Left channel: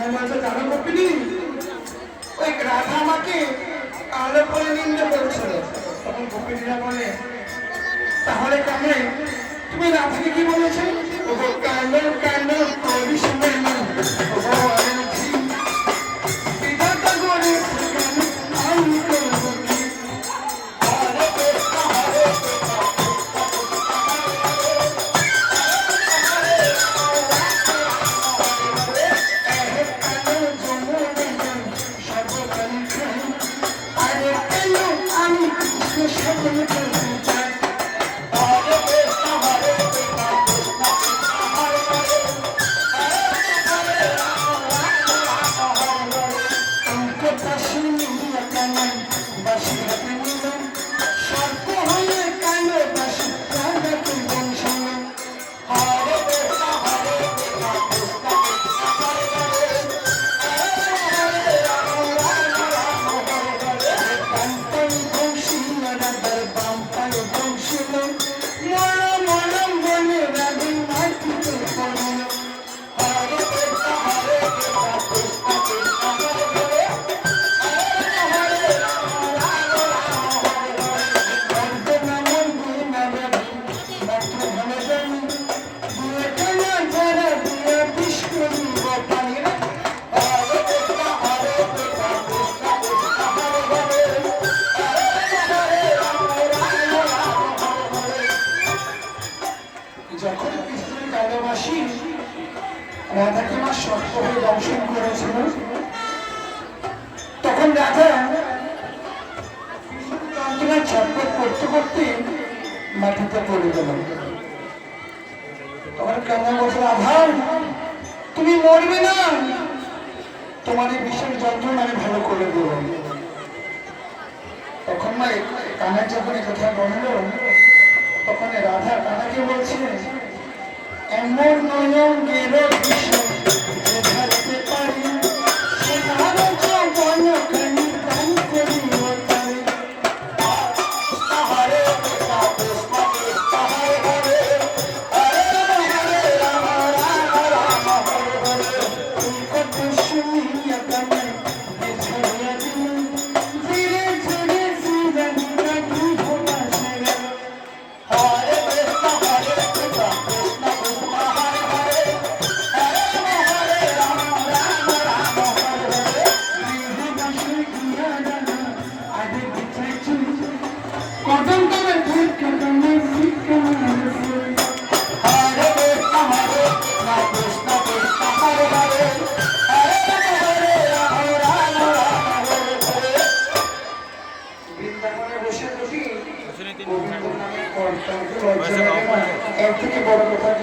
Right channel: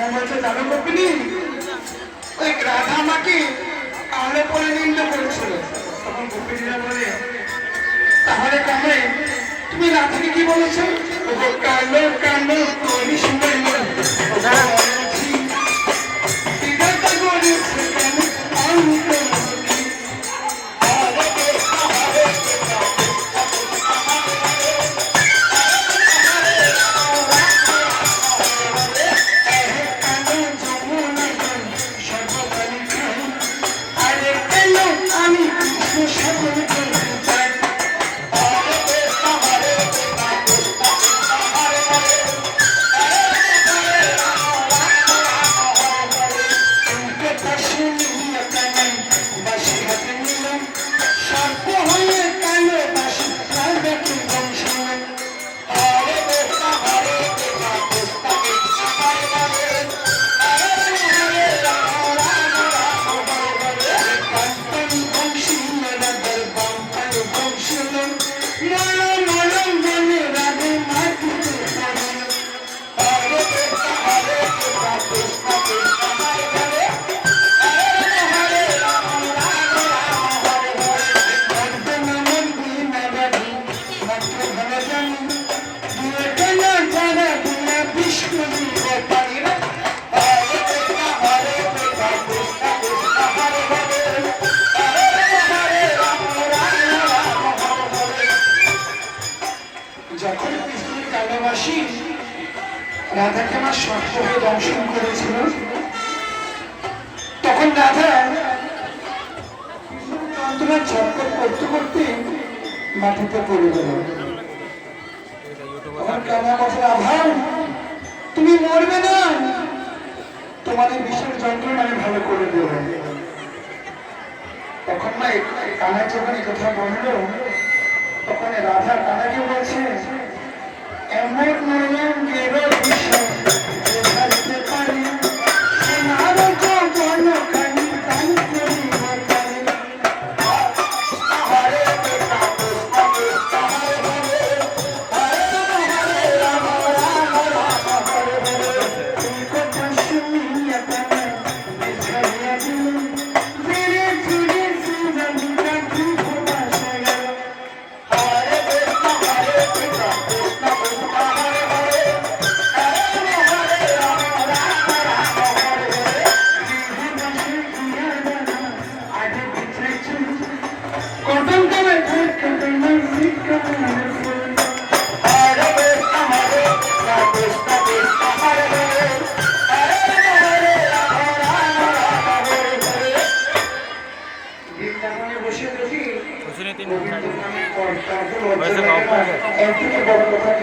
মৌমাছি জানো কপিনি ওই রাধা আমাকে কালো করে নিন্দে করেছিল তখন কপিনীরা বলে, তাহলে কবে তুমি রাধাকে কি বলেছ? কালো কালো করিস বাঁশি হাতে নিলাম। সর্প হয়ে কালো বাঁশি, যখন কৃষ্ণের কালবাসী রাধাকে আমার শক্ত হয়ে দংশন করেছিল তখন রাধা যন্ত্রণার ছটপট করতে করতে মাটিতে পড়ে গেল তুমি মরবে না তোমার এই বিষের যন্ত্রণা আমি ভালো করে দেব তখন না কানা যখন কথা বলল তখন রাধা কানাকে বলছে এমন বসে বসে গোবিন্দ নামে থেকে বড় কথা